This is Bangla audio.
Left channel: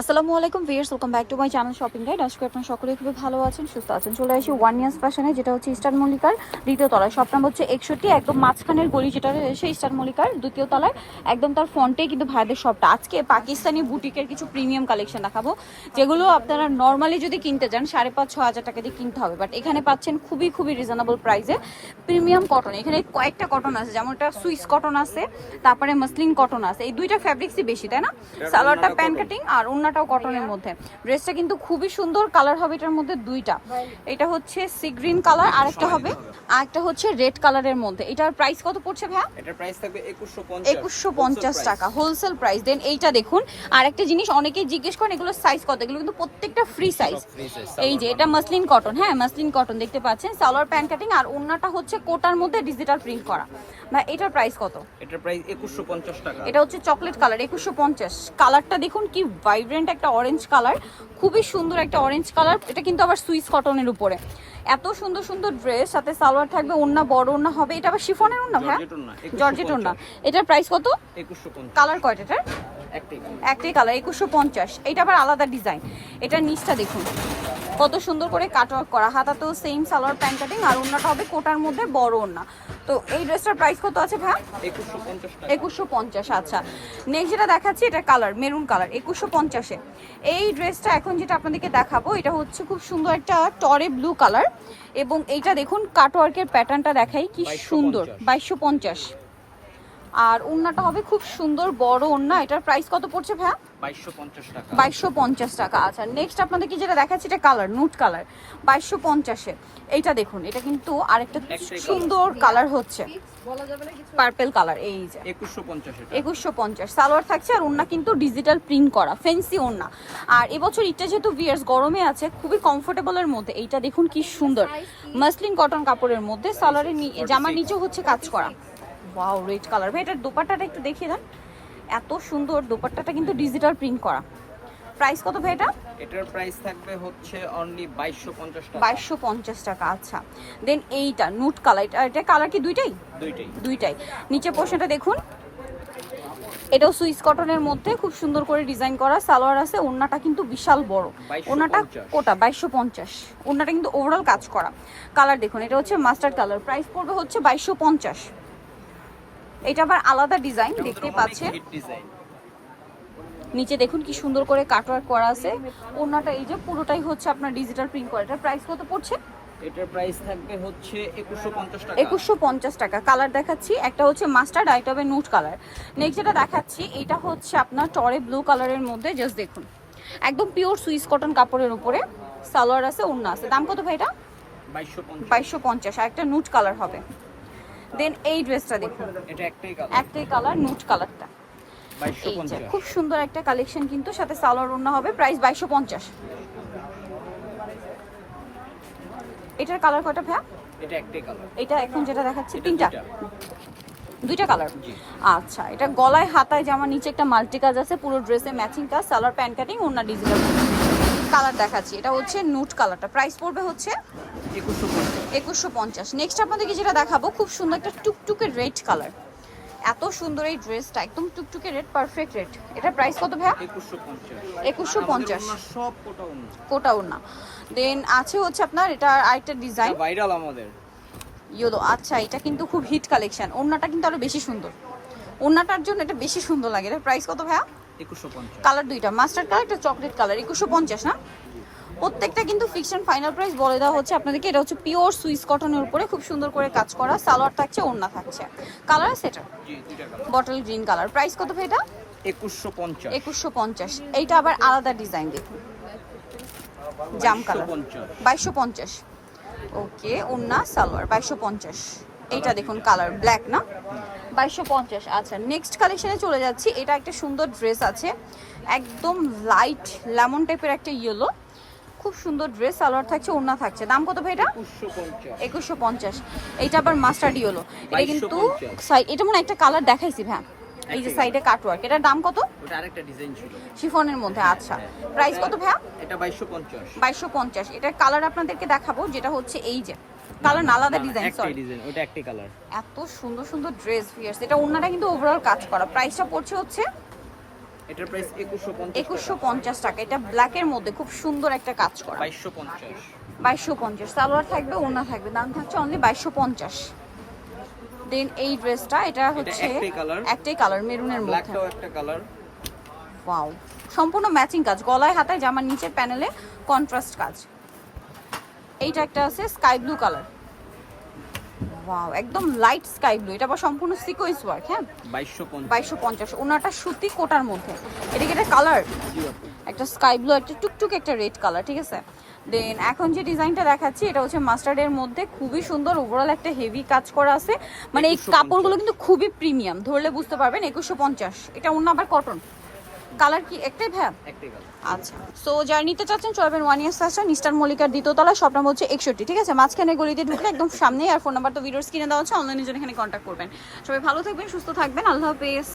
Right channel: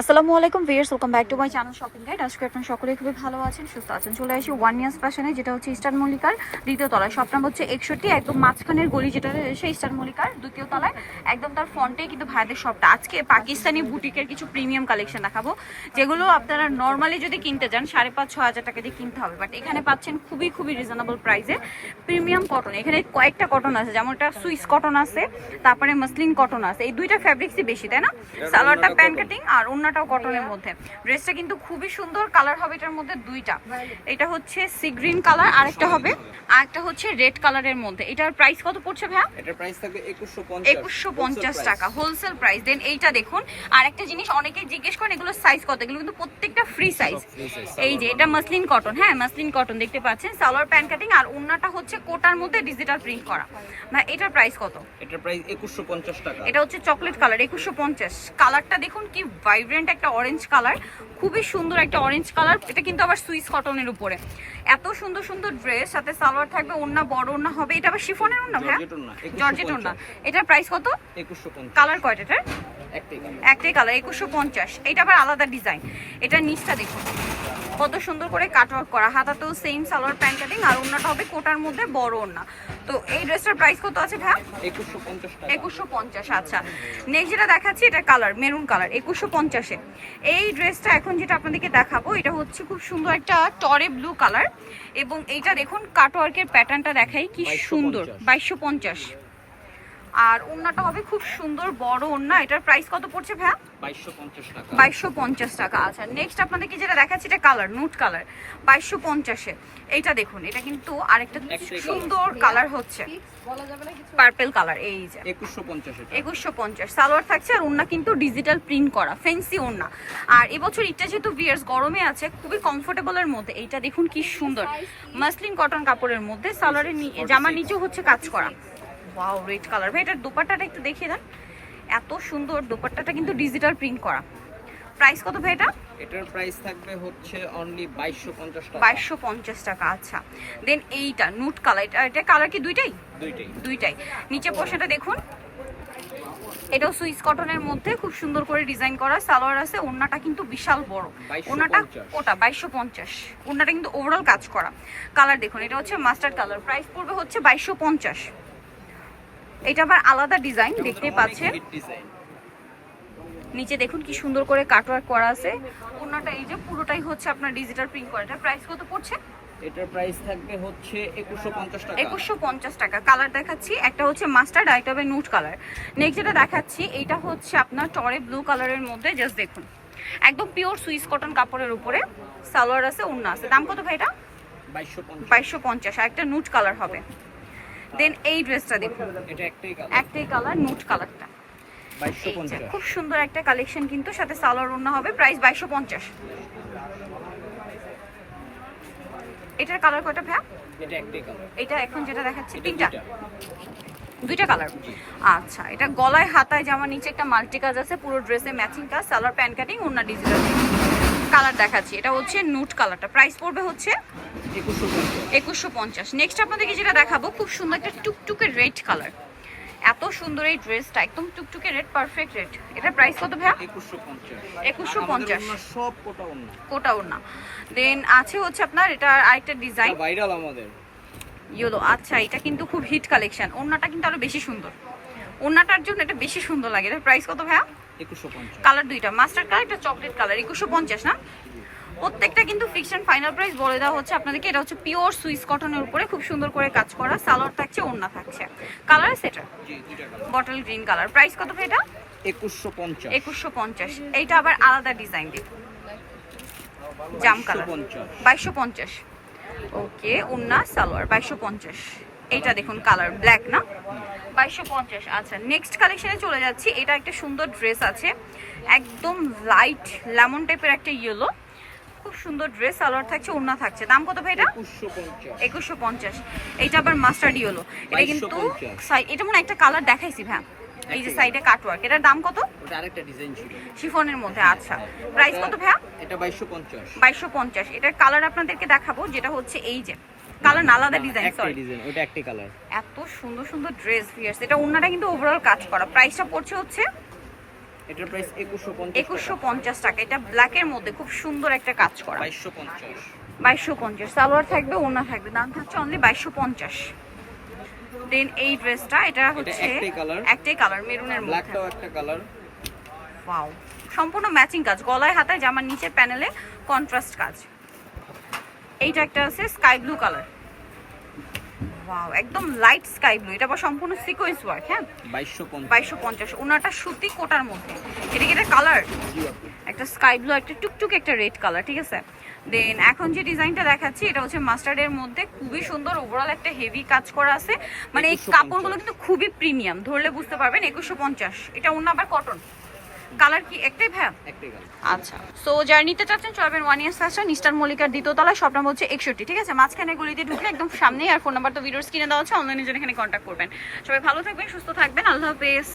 আসসালামু আলাইকুম viewers welcome back to my channel shopping guide আজকে আপনারা সকলে খুবই ভালো আছেন সুস্থ আছেন। চলে আসি ওয়ান ইয়ার্স ফ্যাশনে যেটা হচ্ছে ইস্টার্ন মল্লিকার দ্বিতীয় তলায়। শপ নাম হচ্ছে একষট্টি একদম মাঝখানের গলি যেটা রয়েছে ইস্টার্ন মল্লিকার দ্বিতীয় তলায়। একদম তার ফ্রন্টে কিন্তু ভাইদের শপটা আজকে পাকিস্তানি বুটিকের কিছু প্রিমিয়াম কালেকশন দেখাবো যেগুলো আপনারা নর্মালি যদি কিনতে যান সাড়ে পাঁচ ছ হাজার টাকা দিয়ে কিনতে হবে। বাট এখানে পাচ্ছেন খুবই খুবই রিজনেবল প্রাইসে প্রিমিয়াম কটন এখানে কয়েকটা কটন আছে যেমন একটা সুইস কটন আছে তারপরে মসলিন কটন আছে। এই দুইটা ফ্যাব্রিক্সই বেশি তাই না? সালোয়ারটা প্যান্ট কাটিং আর অন্যটাও কটনের মধ্যে। ড্রেসটা কিন্তু খুবই সুন্দর কালার হবে এটার মধ্যে দুইটা। এটা হচ্ছে সি গ্রিন কালার আর একটা হবে আর একটা হচ্ছে রেড কালারের মধ্যে। এটার প্রাইস কত পড়ছে ভাইয়া? এটার প্রাইস থাকবে 2150 একুশশো পঞ্চাশ টাকা হোলসেল প্রাইস দেন এইটা দেখুন আর একটা জিনিস অনেকেই জিজ্ঞেস করেন এগুলো সাইজ কত? এগুলো কিন্তু প্রত্যেকটা ফ্রি সাইজ এই যে এটা মাসলিন কটন হ্যাঁ মাসলিন কটন দেখতে পাচ্ছেন সালোয়ার প্যান্ট কাটিং আর অন্যটা হচ্ছে কোটার মধ্যে ডিজিটাল প্রিন্ট করা। ভাই এটার প্রাইস কত? এটার প্রাইস 2150 টাকা। এটা হচ্ছে চকলেট কালার একুশশো পঞ্চাশ। কালারটা দেখুন কি ভাইব্রেন্ট একটা অরেঞ্জ কালার খুবই সুন্দর একটা অরেঞ্জ কালার এটা কিন্তু আবার সুইস কটনের উপরে। এত সুন্দর সুন্দর ড্রেস সাথে সালোয়ার থাকবে ওন্না বড় ওন্না হবে এটা আবার শিফনের ওন্না হ্যাঁ? জর্জেট ওড়না, 2150 জর্জেট ওন্না এটার প্রাইস কত? 2150 কালার কয়টা এটার? একটাই কালার একুশশো পঞ্চাশ। এটা আবার আলাদা ডিজাইন এটার নিচটা দেখুন। কত সুন্দর করে কাটওয়ার্ক করা। হাতাতেও সেম সালোয়ার প্যান্ট কাটিং আর ওন্নাটা হবে কোটার মধ্যে বড় ওন্না তো এই ড্রেসটার প্রাইস কত আছে ভাই 2150 টাকা। একুশশো পঞ্চাশ আচ্ছা। নেক্সট যেটা দেখাচ্ছি এটা কালার মেরুন কালার একুশশো পঞ্চাশে। এই ড্রেসটা এখন যেটা আপনাদেরকে দেখাবো এটা হচ্ছে খুব সুন্দর একটা টরে ব্লু কালার এবং এইটা দেখুন কাটওয়ার্কের প্যাটার্নটা দেখাই কি সুন্দর। বাইশশো পঞ্চাশ। আর ওন্নাটা হবে খুব সুন্দর বড় ওন্না এটার প্রাইস কত পড়ছে ভাইয়া? 2250 টাকা। বাইশশো পঞ্চাশ টাকা। আচ্ছা নেক্সট আপনাদেরকে যেটা দেখাচ্ছি এটা কালার নুট কালার বাইশশো পঞ্চাশে। এইটা দেখুন এটা কিন্তু আরেকটা সুন্দর কালার হচ্ছে। পার্পেল কালার এই যে। 2150 এটা। একুশশো পঞ্চাশ। সালোয়ার থাকছে আর ওন্না কিন্তু ডিজিটাল প্রিন্ট করা ফেন্সি ওন্না আর এবছর ইটটা যেহেতু ভিয়ার্স গরমে আছে খুবই কমফোর্টেবলের মধ্যে। এইটা দেখুন কি সুন্দর। মাসলিন কটন কাপড়ের মধ্যে সালোয়ারের জামার নিচেও হচ্ছে কাজ করা। ওয়াও রেড কালার ভাই এটার দোপাট্টাটা একটু দেখিয়ে দেন। এত সুন্দর দোপাট্টাটা কিন্তু ডিজিটাল প্রিন্ট করা। প্রাইস কত ভাই এটা? এটার প্রাইস থাকবে হচ্ছে অনলি 2250 টাকা। বাইশশো পঞ্চাশ টাকা আচ্ছা। দেন এইটা নুট কালার এটা এটা কালার কি দুইটাই? দুইটাই। দুইটাই। নিচে পোর্শনটা দেখুন। এটাও সুইস কটনের মধ্যে খুব সুন্দর করে ডিজাইন করা। সালোয়ার আছে ওন্নাটা কিন্তু বিশাল বড়। 2250 ওন্নাটা কোটা বাইশশো পঞ্চাশ। ওন্নাটা কিন্তু ওভারঅল কাজ করা। কালার দেখুন এটা হচ্ছে মাস্টার্ড কালার প্রাইস পড়বে হচ্ছে বাইশশো পঞ্চাশ। এটা আবার আলাদা ডিজাইন দেখতে পাচ্ছেন। নিচে দেখুন কি সুন্দর করে কাটওয়ার্ক করা আছে। ওন্নাটা এই যে পুরোটাই হচ্ছে আপনার ডিজিটাল প্রিন্ট করা। এটা প্রাইস কত পড়ছে? এটার প্রাইস থাকবে হচ্ছে 2150 টাকা। একুশশো পঞ্চাশ টাকা। কালার দেখাচ্ছি। একটা হচ্ছে মাস্টার্ড আর একটা হবে নুট কালার নেক্সট যেটা দেখাচ্ছি এটা হচ্ছে আপনার টরে ব্লু কালারের মধ্যে জাস্ট দেখুন। একদম পিওর সুইস কটন কাপড়ের উপরে সালোয়ার আছে ওড়না আছে। দাম কত ভাই এটা? 2250 বাইশশো পঞ্চাশ। আর একটা নুট কালার হবে। দেন এই ড্রেসটা দেখুন। এটা একটাই কালার একটাই কালার নুট কালারটা এই যে, 2250 খুব সুন্দর একটা কালেকশন কিন্তু সাথে সালোয়ার ওড়না হবে প্রাইস বাইশশো পঞ্চাশ। এটার কালার কয়টা ভাইয়া? এটা একটাই কালার এটা এখন যেটা দেখাচ্ছি তিনটা। দুইটা। কালার আচ্ছা এটা গলায় হাতায় জামা নিচে একটা মাল্টি কাজ আছে পুরো ড্রেসে ম্যাচিং কাজ সালোয়ার প্যান্ট কাটিং অন্য ডিজিটাল কালার দেখাচ্ছি। এটা হচ্ছে নুট কালারটা। প্রাইস পড়বে হচ্ছে 2150 একুশশো পঞ্চাশ। নেক্সট আপনাদেরকে যেটা দেখাবো খুব সুন্দর একটা টুকটুকে রেড কালার। এত সুন্দর এই ড্রেসটা একদম টুকটুকে রেড পারফেক্ট রেড। এটা প্রাইস কত ভাইয়া? 2150 2150 আর আমাদের সব কোটা ওনা দেন আছে হচ্ছে আপনার এটা আরেকটা ডিজাইন ভাইরাল আমাদের। ইয়েলো আচ্ছা এটা কিন্তু খুব হিট কালেকশন ওড়নাটা কিন্তু আরও বেশি সুন্দর। ওড়নাটার জন্য এটা বেশি সুন্দর লাগে। এটার প্রাইস কত ভাইয়া? 2150 কালার দুইটা মাস্টার কালার একটা চকলেট কালার একুশশো পঞ্চাশ না? প্রত্যেকটা কিন্তু ফিকশন ফাইনাল প্রাইস বলে দেওয়া হচ্ছে আপনাদেরকে। এটা হচ্ছে পিওর সুইস কটনের উপরে খুব সুন্দর করে কাজ করা সালোয়ার থাকছে ওড়না থাকছে। কালার আছে এটা? বটল গ্রিন কালার প্রাইস কত ভাই এটা? 2150 একুশশো পঞ্চাশ। এইটা আবার আলাদা ডিজাইন দেখুন জাম কালার 2250 বাইশশো পঞ্চাশ। ওকে ওন্না সালোয়ার বাইশশো পঞ্চাশ। এইটা দেখুন কালার ব্ল্যাক না? বাইশশো পঞ্চাশ। আচ্ছা নেক্সট কালেকশনে চলে যাচ্ছি। এটা একটা সুন্দর ড্রেস আছে। একদম লাইট লেমন টাইপের একটা ইয়েলো খুব সুন্দর ড্রেস সালোয়ার থাকছে ওন্না থাকছে। দাম কত ভাই এটা? 2150 একুশশো পঞ্চাশ। এইটা আবার মাস্টার্ড ইয়েলো এটা কিন্তু সাই- এটা মনে হয় একটা কালার দেখাইছি ভাই। এই যে সাইডে কাটওয়ার্ক এটার দাম কত? ওটা আরেকটা ডিজাইন ছিল। শিফনের মধ্যে আচ্ছা। প্রাইস কত ভাইয়া? এটা 2250 বাইশশো পঞ্চাশ। এটার কালার আপনাদেরকে দেখাবো যেটা হচ্ছে এই যে। কালার আলাদা ডিজাইন সরি ডিজাইন ওটা একটাই কালার এত সুন্দর সুন্দর ড্রেস ফিয়ার্স এটা ওনাটা কিন্তু ওভারঅল কাজ করা। প্রাইসটা পড়ছে হচ্ছে এটার প্রাইস একুশশো পঞ্চাশ একুশশো পঞ্চাশ টাকা। এটা ব্ল্যাকের মধ্যে খুব সুন্দর একটা কাজ করা। বাইশশো পঞ্চাশ। বাইশশো পঞ্চাশ। সালোয়ার থাকবে ওনা থাকবে। দাম থাকছে অনলি বাইশশো পঞ্চাশ। দেন এই ড্রেসটা এটা হচ্ছে একটাই colour। একটাই কালার মেরুনের মধ্যে। ব্ল্যাকটাও একটা কালার ওয়াও সম্পূর্ণ ম্যাচিং কাজ। গলায় হাতায় জামার নিচের প্যানেলে কন্ট্রাস্ট কাজ। এইটা একটা আছে স্কাই ব্লু কালার ওয়াও একদম লাইট স্কাই ব্লু এটা আবার সম্পূর্ণ সিকোয়েন্স ওয়ার্ক হ্যাঁ? বাইশশো পঞ্চাশ। বাইশশো পঞ্চাশ। ওনাটা সুতি কোটার মধ্যে। এটা কি একটা কালার একটা স্কাই ব্লু একটা টুকটুক একটা রেড কালার ঠিক আছে? দেন এখন যে ডিজাইনটা দেখাচ্ছি এটা হচ্ছে মাস্টার্ডের মধ্যে। খুবই সুন্দর ওভারঅল একটা হেভি কাজ করা আছে। মানে এই 2150 কাপড়গুলো কিন্তু খুবই প্রিমিয়াম ধরলে বুঝতে পারবেন একুশশো পঞ্চাশ। এটা অন্য আবার কটন কালার কি একটাই ভ্যা একটাই কালার আচ্ছা। সো যারা নিতে চাচ্ছেন চলবেন ওয়ান ইয়ার ফ্যাশন ইস্টার মল্লিকার দ্বিতীয়তলায় সব নাম হচ্ছে একষট্টি। ঠিক আছে মাঝখানে গলিতে ঢুকলে একদম সামনেই আর ফোন নাম্বার তো ভিডিওর স্ক্রিনে দেওয়া হচ্ছে অনলাইনে জন্য এখানে কন্ট্যাক্ট করবেন। সবাই ভালো থাকবেন সুস্থ থাকবেন আল্লাহ হাফেজ।